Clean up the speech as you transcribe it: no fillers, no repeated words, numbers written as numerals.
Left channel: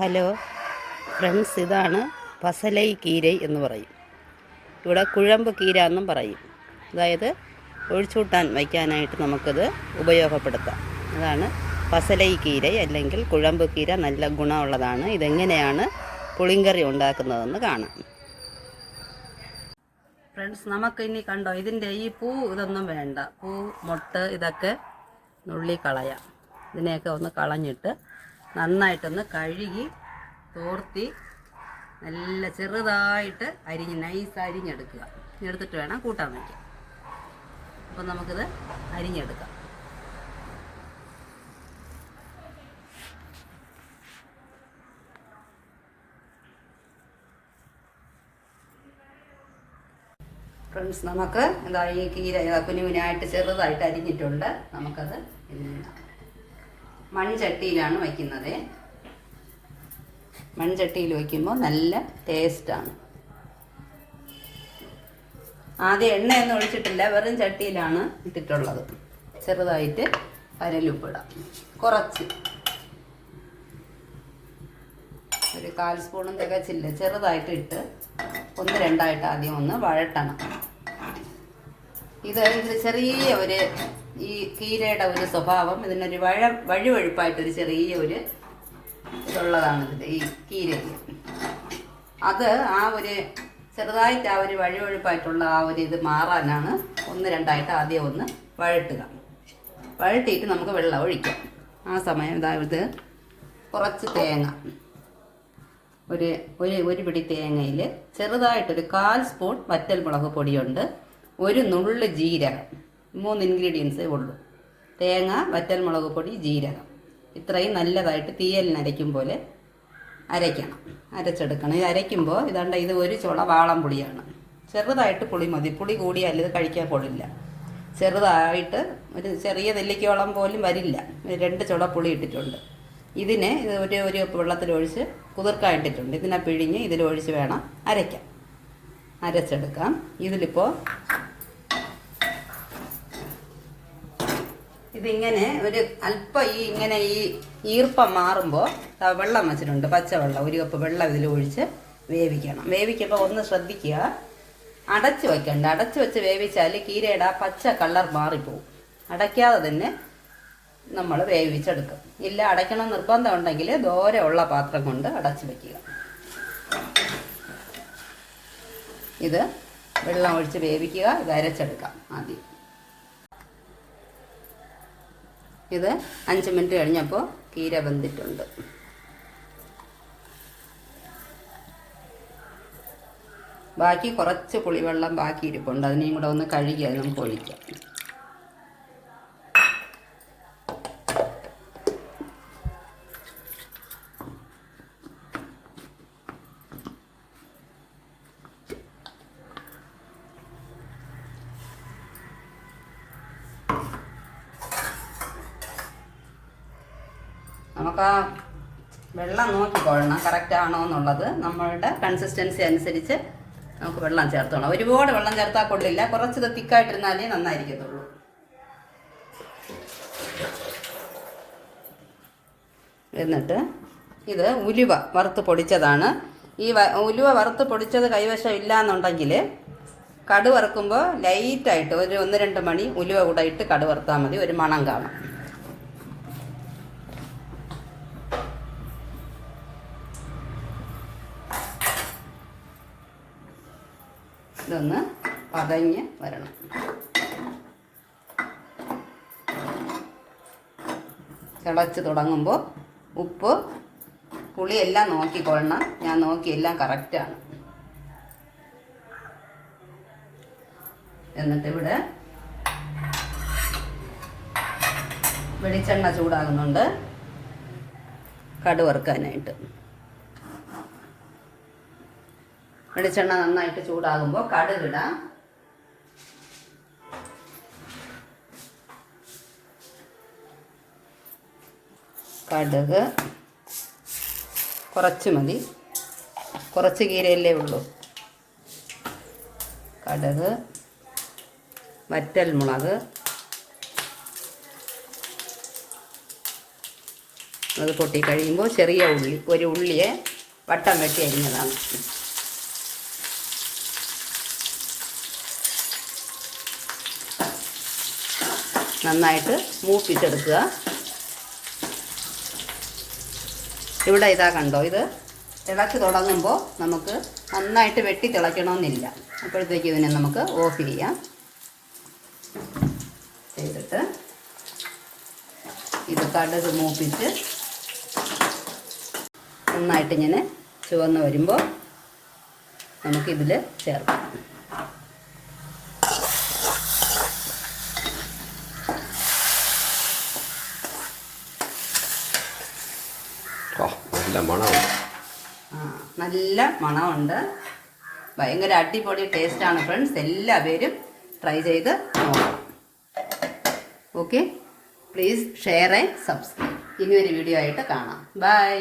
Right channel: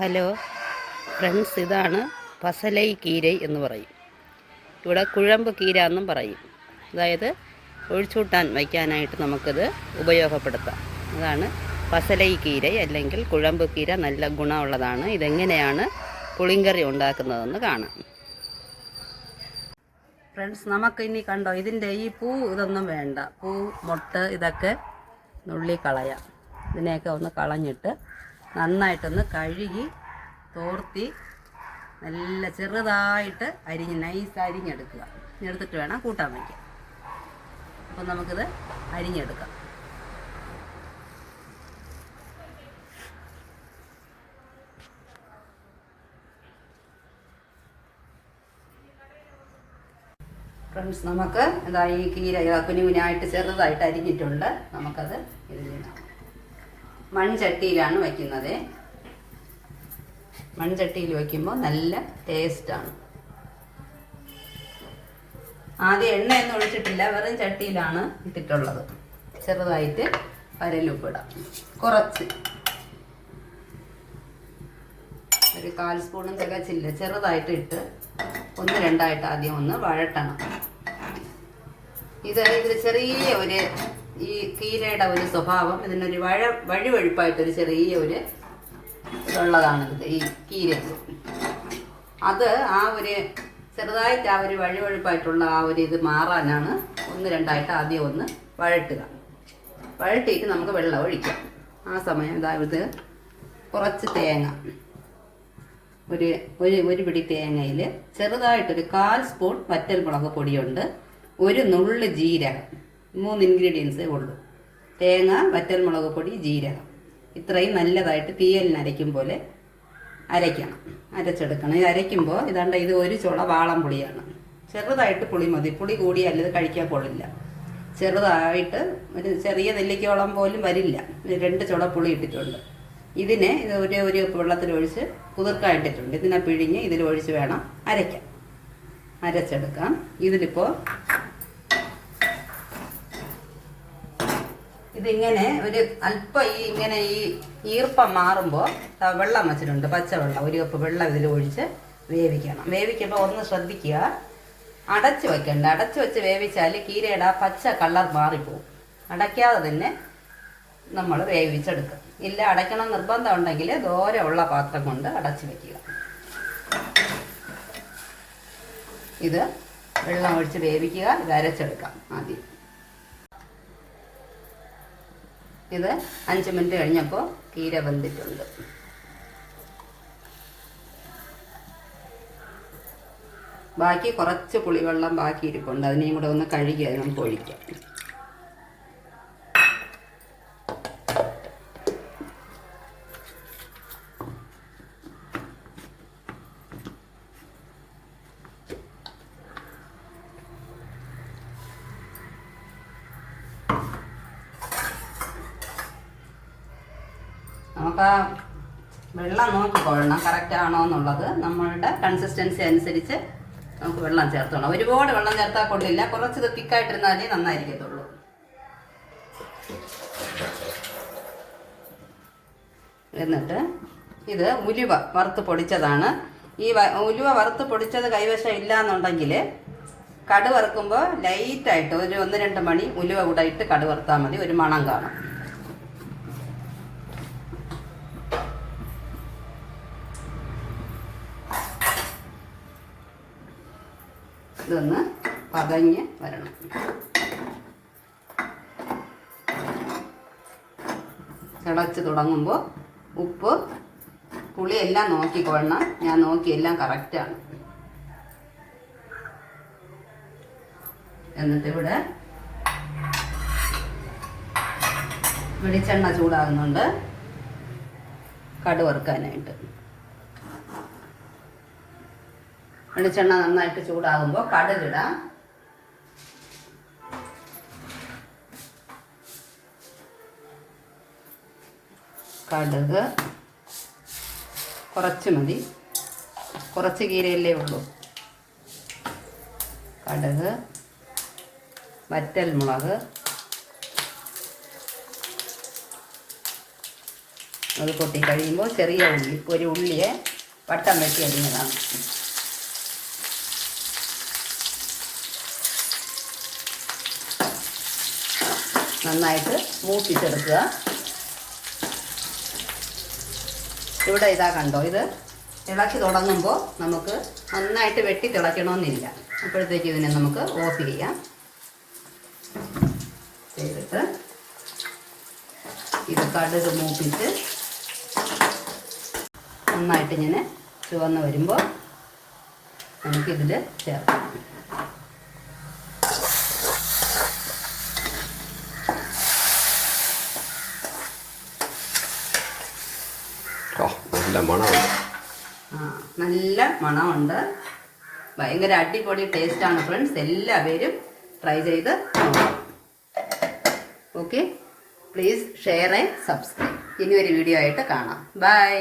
Hello friends, ഇതാണ് പസലൈ കീരൈ എന്ന് പറയും. ഇവിടെ കുഴമ്പ് കീര എന്നും പറയും. അതായത് ഒഴിച്ചൂട്ടാൻ വയ്ക്കാനായിട്ട് നമുക്കത് ഉപയോഗപ്പെടുത്താം. അതാണ് പസലൈ കീരൈ അല്ലെങ്കിൽ കുഴമ്പ് കീര. നല്ല ഗുണമുള്ളതാണ്. ഇതെങ്ങനെയാണ് പുളിങ്കറി ഉണ്ടാക്കുന്നതെന്ന് കാണാം. ഫ്രണ്ട്സ്, നമുക്കിനി കണ്ടോ, ഇതിൻ്റെ ഈ ഇതൊന്നും വേണ്ട. മൊട്ട് ഇതൊക്കെ നുള്ളി കളയാം. ഇതിനെയൊക്കെ ഒന്ന് കളഞ്ഞിട്ട് നന്നായിട്ടൊന്ന് കഴുകി തോർത്തി നല്ല ചെറുതായിട്ട് നൈസ് അരിഞ്ഞെടുക്കുക. എടുത്തിട്ട് വേണം കൂട്ടാൻ വയ്ക്കാൻ. അപ്പം നമുക്കിത് അരിഞ്ഞെടുക്കാം. ഫ്രണ്ട്സ്, നമുക്ക് ഇതാ ഈ കീര കുനുകുനായിട്ട് ചെറുതായിട്ട് അരിഞ്ഞിട്ടുണ്ട്. നമുക്കത് മൺചട്ടിയിലാണ് വയ്ക്കുന്നത്. മൺചട്ടിയിൽ വയ്ക്കുമ്പോൾ നല്ല ടേസ്റ്റാണ്. ആദ്യം എണ്ണയൊന്നും ഒഴിച്ചിട്ടില്ല, വെറും ചട്ടിയിലാണ് ഇട്ടിട്ടുള്ളത്. ചെറുതായിട്ട് കരലുപ്പിടാം. കുറച്ച് ഒരു 1/4 സ്പൂണും തികച്ചില്ല. ചെറുതായിട്ട് ഇട്ട് 1-2 ആദ്യം ഒന്ന് വഴട്ടണം. ഇത് ചെറിയ ഒരു ഈ കീരയുടെ ഒരു സ്വഭാവം, ഇതിനൊരു വഴുവഴുപ്പായിട്ടൊരു ചെറിയ ഒരു ഇതുള്ളതാണ് ഇത് ഈ കീരയ്ക്ക്. അത് ആ ഒരു ചെറുതായിട്ട് ആ ഒരു വഴുവഴുപ്പായിട്ടുള്ള ആ ഒരു ഇത് മാറാനാണ് 1-2 ആദ്യം ഒന്ന് വഴട്ടുക. വഴട്ടിയിട്ട് നമുക്ക് വെള്ളം ഒഴിക്കാം. ആ സമയം അതായത് കുറച്ച് തേങ്ങ, ഒരു പിടി തേങ്ങയിൽ ചെറുതായിട്ടൊരു 1/4 സ്പൂൺ വറ്റൽ മുളക് പൊടിയുണ്ട്, ഒരു നുള്ള് ജീരകം. 3 ഇൻഗ്രീഡിയൻസേ ഉള്ളൂ. തേങ്ങ, വറ്റൽ മുളക് പൊടി, ജീരകം. ഇത്രയും നല്ലതായിട്ട് തീയലിന് അരയ്ക്കും പോലെ അരയ്ക്കണം, അരച്ചെടുക്കണം. ഇത് അരയ്ക്കുമ്പോൾ ഇതാണ്ട് ഇത് ഒരു ചുള വാളം പുളിയാണ്. ചെറുതായിട്ട് പുളി മതി. പുളി കൂടിയാൽ ഇത് കഴിക്കാൻ കൊള്ളില്ല. ചെറുതായിട്ട് ഒരു ചെറിയ നെല്ലിക്കോളം പോലും വരില്ല. 2 ചുള പുളി ഇട്ടിട്ടുണ്ട്. ഇതിനെ ഇത് ഒരു വെള്ളത്തിലൊഴിച്ച് കുതിർക്കായിട്ടിട്ടുണ്ട്. ഇതിനെ പിഴിഞ്ഞ് ഇതിലൊഴിച്ച് വേണം അരയ്ക്കാൻ. അരച്ചെടുക്കാം. ഇതിലിപ്പോൾ ഇതിങ്ങനെ ഒരു അല്പം ഇങ്ങനെ ഈ ഈർപ്പം മാറുമ്പോൾ വെള്ളം വെച്ചിട്ടുണ്ട്, പച്ചവെള്ളം. 1 കപ്പ് വെള്ളം ഇതിൽ ഒഴിച്ച് വേവിക്കണം. വേവിക്കുമ്പോൾ ഒന്ന് ശ്രദ്ധിക്കുക, അടച്ചു വെക്കണ്ട. അടച്ചു വെച്ച് വേവിച്ചാൽ കീരയുടെ പച്ച കളർ മാറിപ്പോവും. അടയ്ക്കാതെ തന്നെ നമ്മൾ വേവിച്ചെടുക്കുക. ഇല്ല, അടയ്ക്കണം നിർബന്ധം ഉണ്ടെങ്കിൽ ദോരമുള്ള പാത്രം കൊണ്ട് അടച്ചു വെക്കുക. ഇത് വെള്ളം ഒഴിച്ച് വേവിക്കുക. ഇത് അരച്ചെടുക്കാം ആദ്യം. ഇത് 5 മിനിറ്റ് കഴിഞ്ഞപ്പോൾ കീര വെന്തിട്ടുണ്ട്. ബാക്കി കുറച്ച് പുളിവെള്ളം ബാക്കി ഇരിപ്പുണ്ട്. അതിനെയും കൂടെ ഒന്ന് കഴുകി നമുക്ക് ഒഴിക്കാം. നമുക്ക് ആ വെള്ളം നോക്കിക്കൊള്ളണം കറക്റ്റ് ആണോ എന്നുള്ളത്. നമ്മളുടെ കൺസിസ്റ്റൻസി അനുസരിച്ച് നമുക്ക് വെള്ളം ചേർത്തോളാം. ഒരുപാട് വെള്ളം ചേർത്താൽ കൊള്ളില്ല. കുറച്ച് തിക്കായിട്ടിരുന്നാലേ നന്നായിരിക്കത്തുള്ളൂ. എന്നിട്ട് ഇത് ഉലുവ വറുത്ത് പൊടിച്ചതാണ്. ഈ ഉലുവ വറുത്ത് പൊടിച്ചത് കൈവശം ഇല്ല എന്നുണ്ടെങ്കിൽ കടു വറുക്കുമ്പോൾ ലൈറ്റായിട്ട് ഒരു 1-2 മണി ഉലുവ കൂടെ ഇട്ട് കടു വറുത്താൽ മതി. ഒരു മണം കാണും. ഇതൊന്ന് പതഞ്ഞ് വരണം. തിളച്ച് തുടങ്ങുമ്പോൾ ഉപ്പ് പുളി എല്ലാം നോക്കിക്കൊള്ളണം. ഞാൻ നോക്കി എല്ലാം കറക്റ്റാണ്. എന്നിട്ട് ഇവിടെ വെളിച്ചെണ്ണ ചൂടാകുന്നുണ്ട് കടു വറുക്കാനായിട്ട്. വെളിച്ചെണ്ണ നന്നായിട്ട് ചൂടാകുമ്പോൾ കടുകിടാം. കടുക് കുറച്ച് മതി, കുറച്ച് കീരയല്ലേ ഉള്ളൂ. കടുക്, വറ്റൽ മുളക്, അത് പൊട്ടി കഴിയുമ്പോൾ ചെറിയ ഉള്ളി, ഒരു ഉള്ളിയെ വട്ടം വെട്ടി അരിഞ്ഞതാണ്. നന്നായിട്ട് മൂപ്പിച്ചെടുക്കുക. ഇവിടെ ഇതാ കണ്ടോ, ഇത് തിളച്ച് തുടങ്ങുമ്പോൾ നമുക്ക് നന്നായിട്ട് വെട്ടി തിളയ്ക്കണമെന്നില്ല. അപ്പോഴത്തേക്ക് ഇതിനെ നമുക്ക് ഓഫ് ചെയ്യാം. ചെയ്തിട്ട് ഇത് കടുക് മൂപ്പിച്ച് നന്നായിട്ട് ഇങ്ങനെ ചുവന്ന് വരുമ്പോൾ നമുക്കിതിൽ ചേർക്കാം. നല്ല മണമുണ്ട്. നല്ല മണമുണ്ട്. ഭയങ്കര അടിപൊളി ടേസ്റ്റാണ് ഫ്രണ്ട്സ്. എല്ലാവരും ട്രൈ ചെയ്ത് നോക്കാം. Okay, please share and subscribe. ഇനി ഒരു വീഡിയോ ആയിട്ട് കാണാം. ബൈ.